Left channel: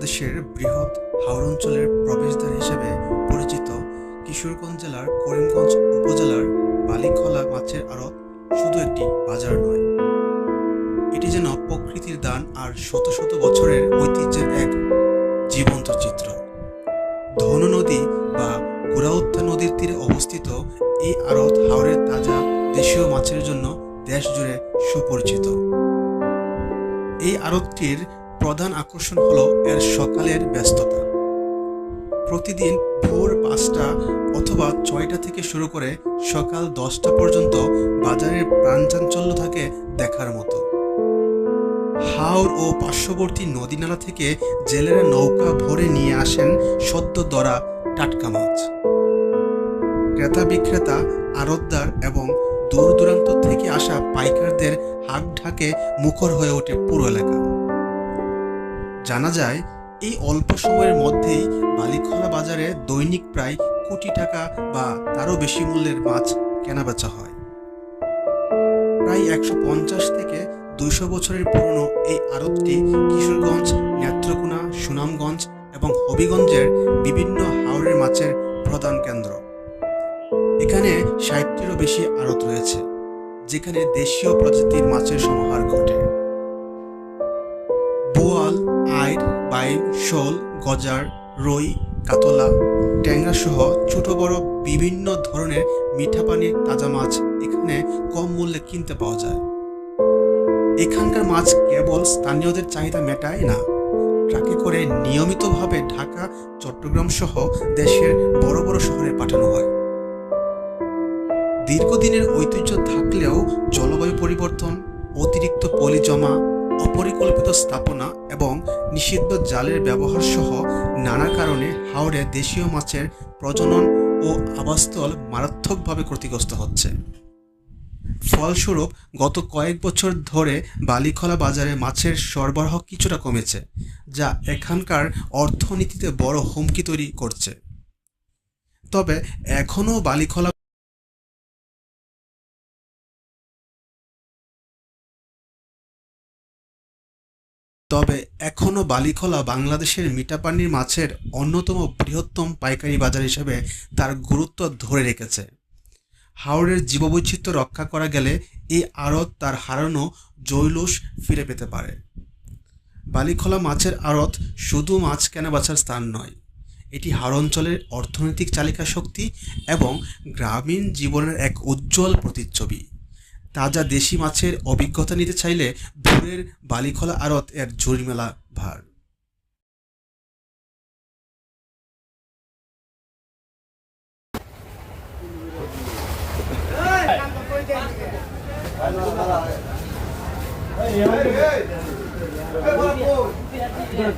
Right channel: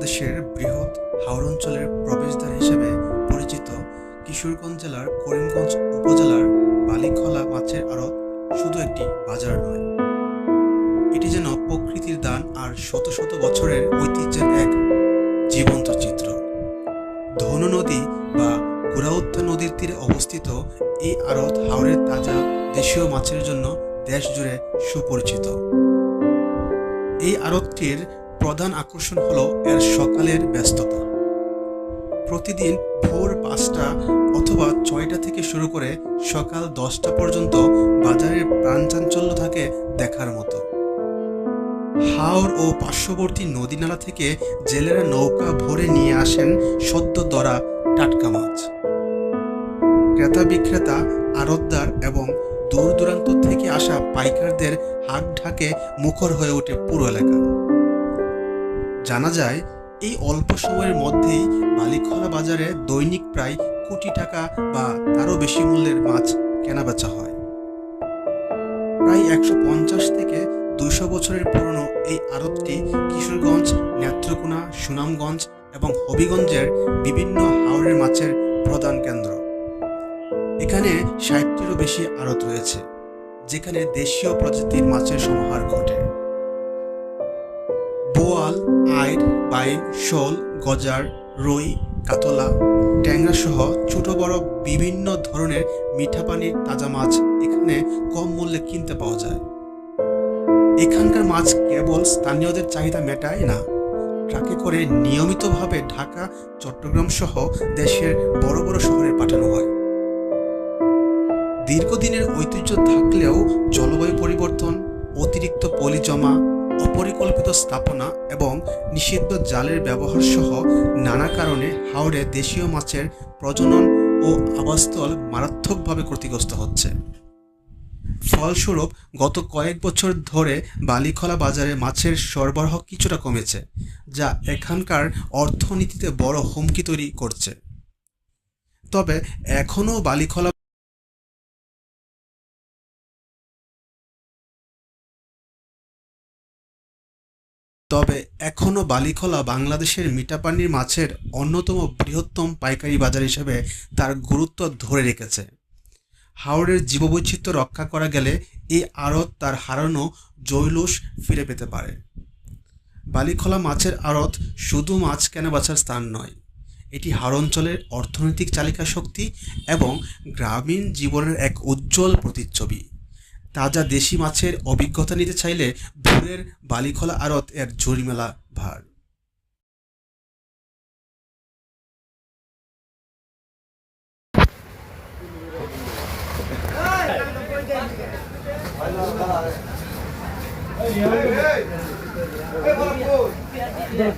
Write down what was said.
বাংলাদেশের বৃহৎ হাওর অঞ্চলের প্রবেশদ্বার হিসেবে পরিচিত কিশোরগঞ্জ জেলার করিমগঞ্জ উপজেলার বালিখলা মাছের আড়ত শুধু একটি বাজার নয়। এটি যেন প্রকৃতির দান আর শত শত বছরের ঐতিহ্যের এক জীবন্ত চিত্র। ধনু নদী বা গুড়াউত্তা নদীর তীরে অবস্থিত এই আড়ত হাওরের তাজা দেশীয় মাছের জন্য দেশ জুড়ে সুপরিচিত। এই আড়তটির প্রধান আকর্ষণ হলো এর সকালের ব্যস্ততা। প্রতিদিন ভোর পাঁচটা অথবা ছয়টা থেকে শুরু করে সকাল দশটা পর্যন্ত বাজারের প্রাণচাঞ্চল্য থাকে দেখার মতো। হাওড় ও পার্শ্ববর্তী নদীনালা থেকে জেলেরা নৌকা ভরে নিয়ে আসেন সদ্য দরা টাটকা মাছ। ক্রেতা বিক্রেতা, আড়তদার এবং দূর দূরান্ত থেকে আসা পাইকারদের হাক ঢাকে মুখর হয়ে ওঠে পুরো এলাকা। জানা যায়, এই অল্প সময়ের মধ্যেই বালিখলা বাজারে দৈনিক প্রায় কোটি টাকা বা তারও বেশি মূল্যের মাছ কেনাবেচা হয়। প্রায় একশো পঞ্চাশ থেকে দুইশো বছরের পুরনো এই আড়তটি কিশোরগঞ্জ, নেত্রকোনা, সুনামগঞ্জ এবং হবিগঞ্জের বিভিন্ন হাওরের মাছের প্রধান কেন্দ্র। এখানে ষাটটিরও বেশি আড়ত রয়েছে, যেখানে দেশীয় প্রজাতির মাছের সমাহার ঘটে। বোয়াল আইর বাইম শোল, গজার, রুই, কাতলা ট্যাংরা সহ ছোট বড় বিভিন্ন ধরনের মিঠা পানির তাজা মাছ এখানে কম মূল্যে কিনতে পাওয়া যায়। এখানকার মাছ কেবল স্থানীয়দের চাহিদা মেটায় না। ট্রাকে করে নিয়মিতভাবে ঢাকা, চট্টগ্রাম সহ দেশের বড় বড় শহরে পাঠানো হয়। দীর্ঘদিনের ঐতিহ্য থাকলেও জলবায়ু পরিবর্তন, অতিরিক্ত পলি জমা অপরিকল্পিত স্থাপনা এবং নিষিদ্ধ জালের ব্যবহার সহ নানা কারণে হাওড়ে দেশীয় মাছের প্রজনন ও আবাসস্থল মারাত্মকভাবে ক্ষতিগ্রস্ত হচ্ছে। ফলস্বরূপ, গত কয়েক বছর ধরে বালিখলা বাজারে মাছের সরবরাহ কিছুটা কমেছে, যা এখানকার অর্থনীতিতে বড় হুমকি তৈরি করছে। তবে এখনও বালিখলা তবে এখনও বালিখোলা বাংলাদেশের মিঠাপানির মাছের অন্যতম বৃহত্তম পাইকারি বাজার হিসেবে তার গুরুত্ব ধরে রেখেছে। হাওড়ের জীববৈচিত্র্য রক্ষা করা গেলে এই আড়ত তার হারানো জৈলুস ফিরে পেতে পারে। বালিখোলা মাছের আড়ত শুধু মাছ কেনাবেচার স্থান নয়, এটি হাওড় অঞ্চলের অর্থনৈতিক চালিকা শক্তি এবং গ্রামীণ জীবনের এক উজ্জ্বল প্রতিচ্ছবি। তাজা দেশি মাছের অভিজ্ঞতা নিতে চাইলে ভোরের বালিখোলা আড়ত এর ঝুড়িমেলা ভার Hey, hey, hey, hey,